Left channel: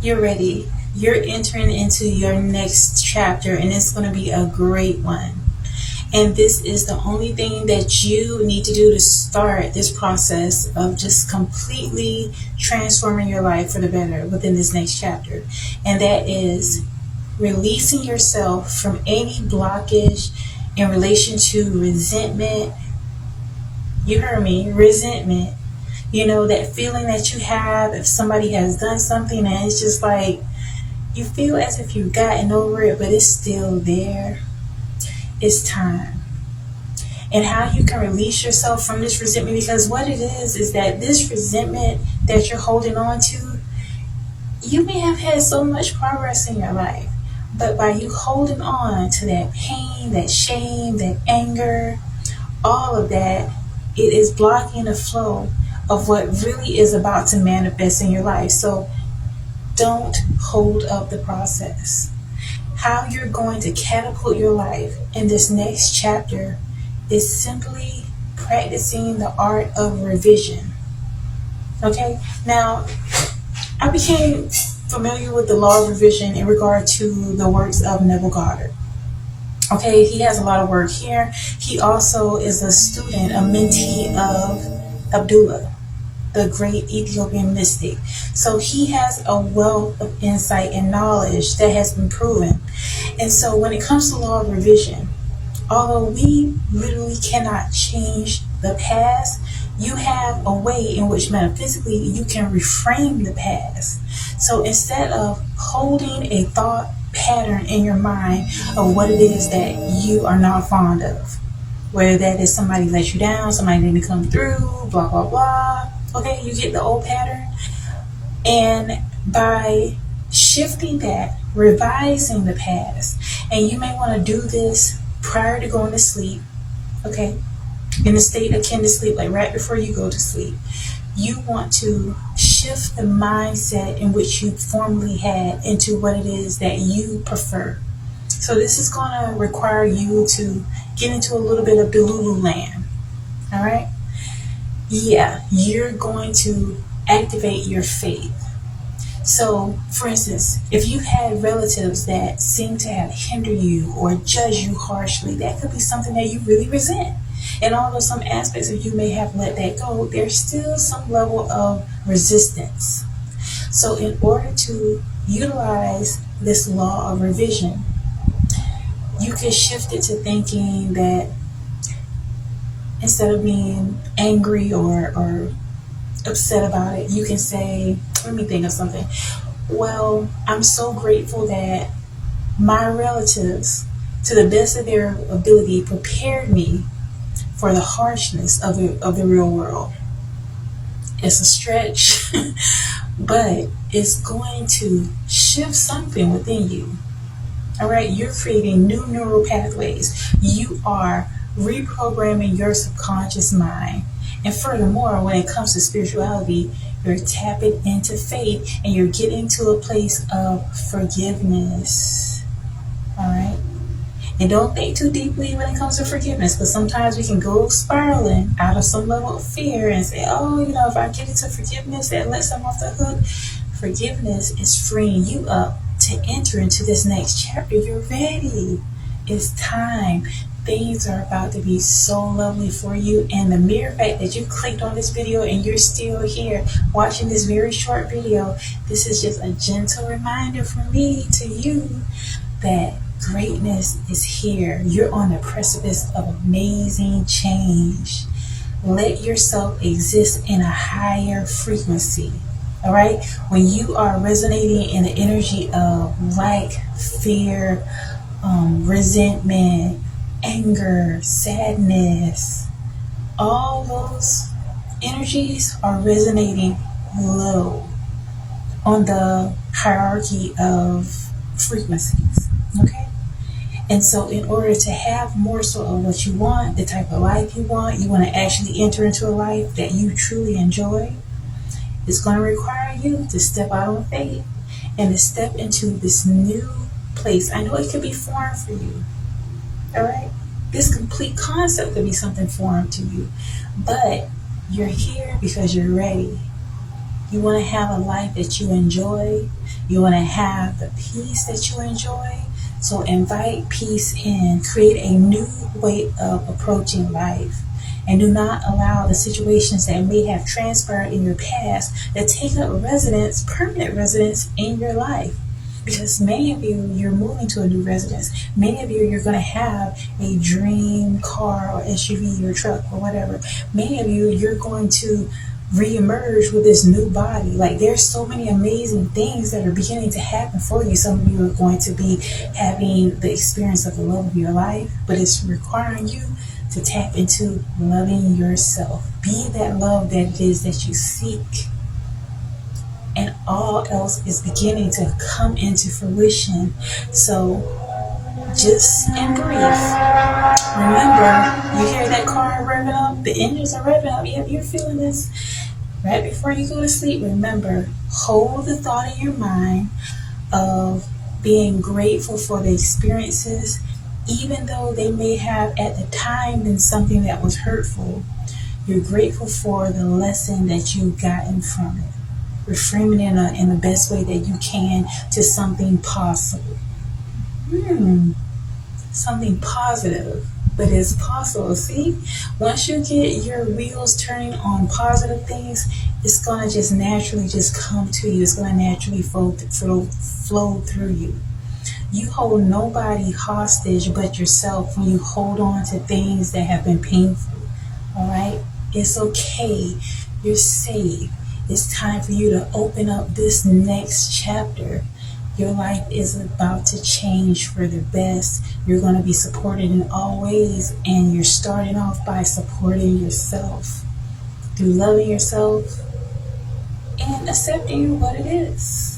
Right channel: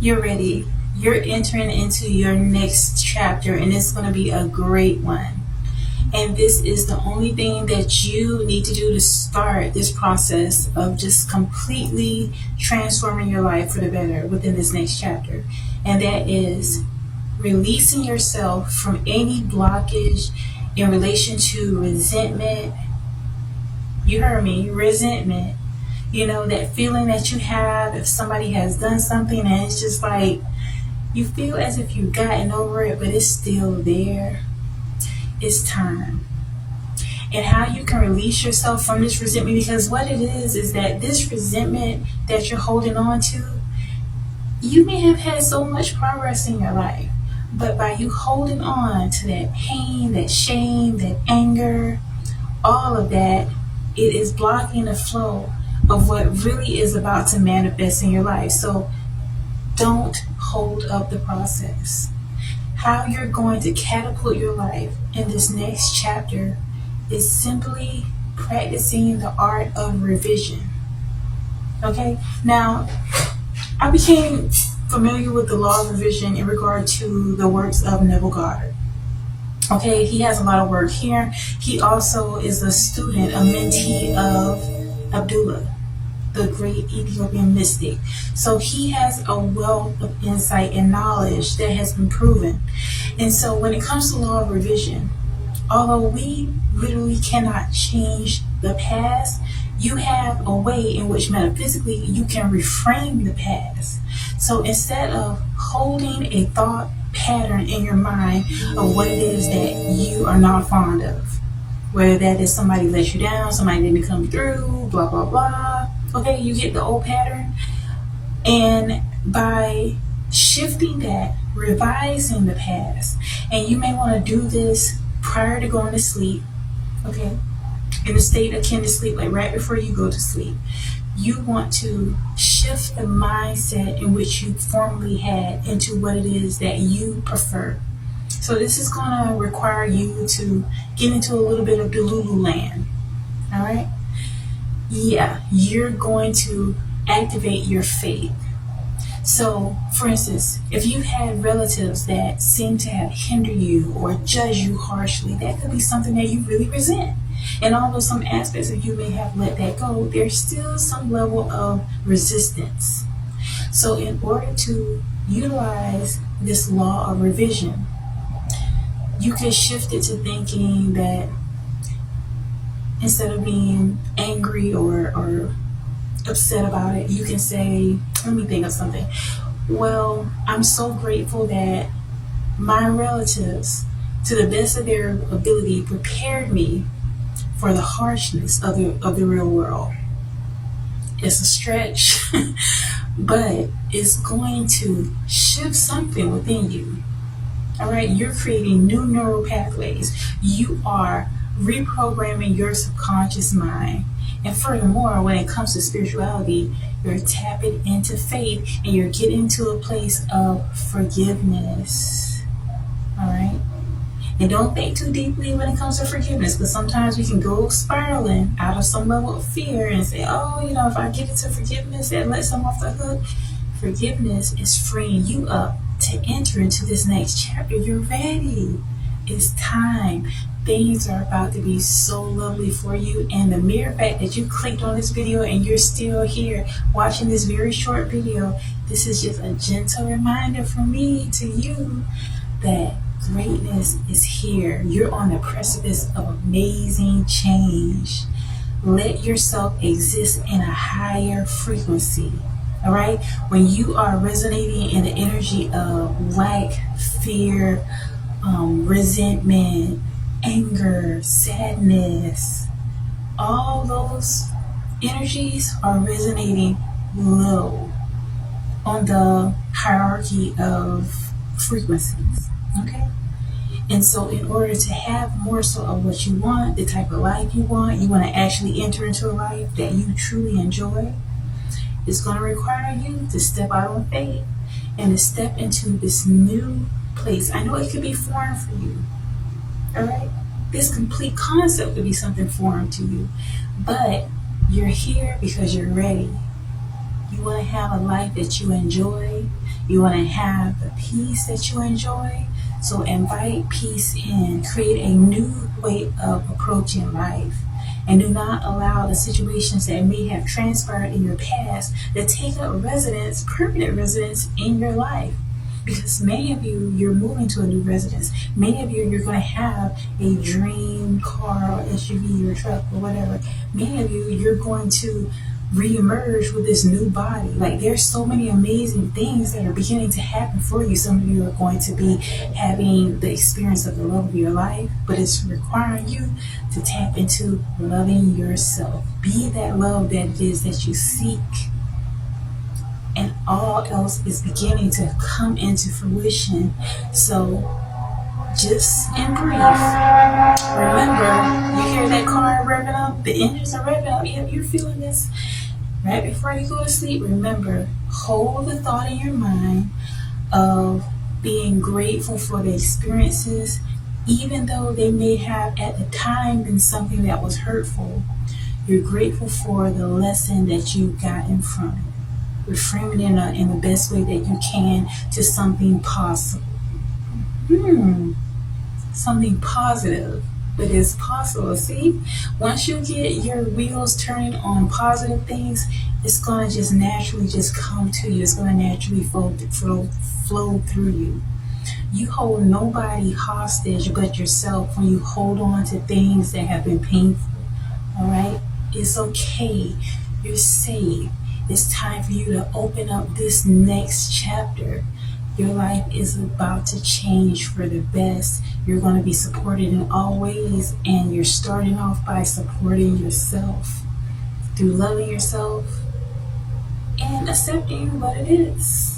You're ready. You're entering into your next chapter, and it's going to be a great one. And this is the only thing that you need to do to start this process of just completely transforming your life for the better within this next chapter. And that is releasing yourself from any blockage in relation to resentment. You heard me, resentment. You know, that feeling that you have if somebody has done something and it's just like you feel as if you've gotten over it, but it's still there. It's time. And how you can release yourself from this resentment, because what it is that this resentment that you're holding on to, you may have had so much progress in your life, but by you holding on to that pain, that shame, that anger, all of that, it is blocking the flow of what really is about to manifest in your life. So don't hold up the process. How you're going to catapult your life in this next chapter is simply practicing the art of revision. Okay? Now, I became familiar with the law of revision in regard to the works of Neville Goddard. Okay, he has a lot of work here. He also is a student, a mentee of Abdullah, the great Ethiopian mystic. So he has a wealth of insight and knowledge that has been proven. And so when it comes to law of revision, although we literally cannot change the past, you have a way in which metaphysically you can reframe the past. So instead of holding a thought pattern in your mind of what it is that you are not fond of, whether that is somebody let you down, somebody didn't come through, blah, blah, blah. Okay, you get the old pattern. And by shifting that, revising the past, and you may want to do this prior to going to sleep, okay, in a state akin to sleep, like right before you go to sleep, you want to shift the mindset in which you formerly had into what it is that you prefer. So this is going to require you to get into a little bit of Delulu land. All right? Yeah, you're going to activate your faith. So, for instance, if you had relatives that seem to have hindered you or judge you harshly, that could be something that you really resent. And although some aspects of you may have let that go, there's still some level of resistance. So in order to utilize this law of revision, you can shift it to thinking that instead of being angry or upset about it, you can say, let me think of something. Well, I'm so grateful that my relatives, to the best of their ability, prepared me for the harshness of the real world. It's a stretch, but it's going to shift something within you. All right, you're creating new neural pathways. You are reprogramming your subconscious mind. And furthermore, when it comes to spirituality, you're tapping into faith and you're getting to a place of forgiveness. All right? And don't think too deeply when it comes to forgiveness, because sometimes we can go spiraling out of some level of fear and say, oh, if I get into forgiveness, that lets them off the hook. Forgiveness is freeing you up to enter into this next chapter. You're ready. It's time. Things are about to be so lovely for you. And the mere fact that you clicked on this video and you're still here watching this very short video, this is just a gentle reminder from me to you that greatness is here. You're on the precipice of amazing change. Let yourself exist in a higher frequency. All right? When you are resonating in the energy of lack, fear, resentment, anger, sadness, all those energies are resonating low on the hierarchy of frequencies. Okay? And so in order to have more so of what you want, the type of life you want to actually enter into a life that you truly enjoy, it's going to require you to step out on faith and to step into this new place. I know it could be foreign for you. All right? This complete concept could be something foreign to you. But you're here because you're ready. You want to have a life that you enjoy. You want to have the peace that you enjoy. So invite peace in. Create a new way of approaching life. And do not allow the situations that may have transpired in your past to take up residence, permanent residence in your life. Because many of you, you're moving to a new residence. Many of you, you're going to have a dream car or SUV or truck or whatever. Many of you, you're going to reemerge with this new body. Like, there's so many amazing things that are beginning to happen for you. Some of you are going to be having the experience of the love of your life, but it's requiring you to tap into loving yourself. Be that love that it is that you seek. And all else is beginning to come into fruition. So just in brief, remember, you hear that car revving up, the engines are revving up. Yep, you're feeling this. Right before you go to sleep, remember, hold the thought in your mind of being grateful for the experiences, even though they may have at the time been something that was hurtful. You're grateful for the lesson that you gotten from it. Reframe it in the best way that you can to something possible. Something positive, but it's possible. See, once you get your wheels turning on positive things, it's going to just naturally just come to you. It's going to naturally flow through you. You hold nobody hostage but yourself when you hold on to things that have been painful. All right? It's okay. You're safe. It's time for you to open up this next chapter. Your life is about to change for the best. You're going to be supported in all ways, and you're starting off by supporting yourself through loving yourself and accepting what it is.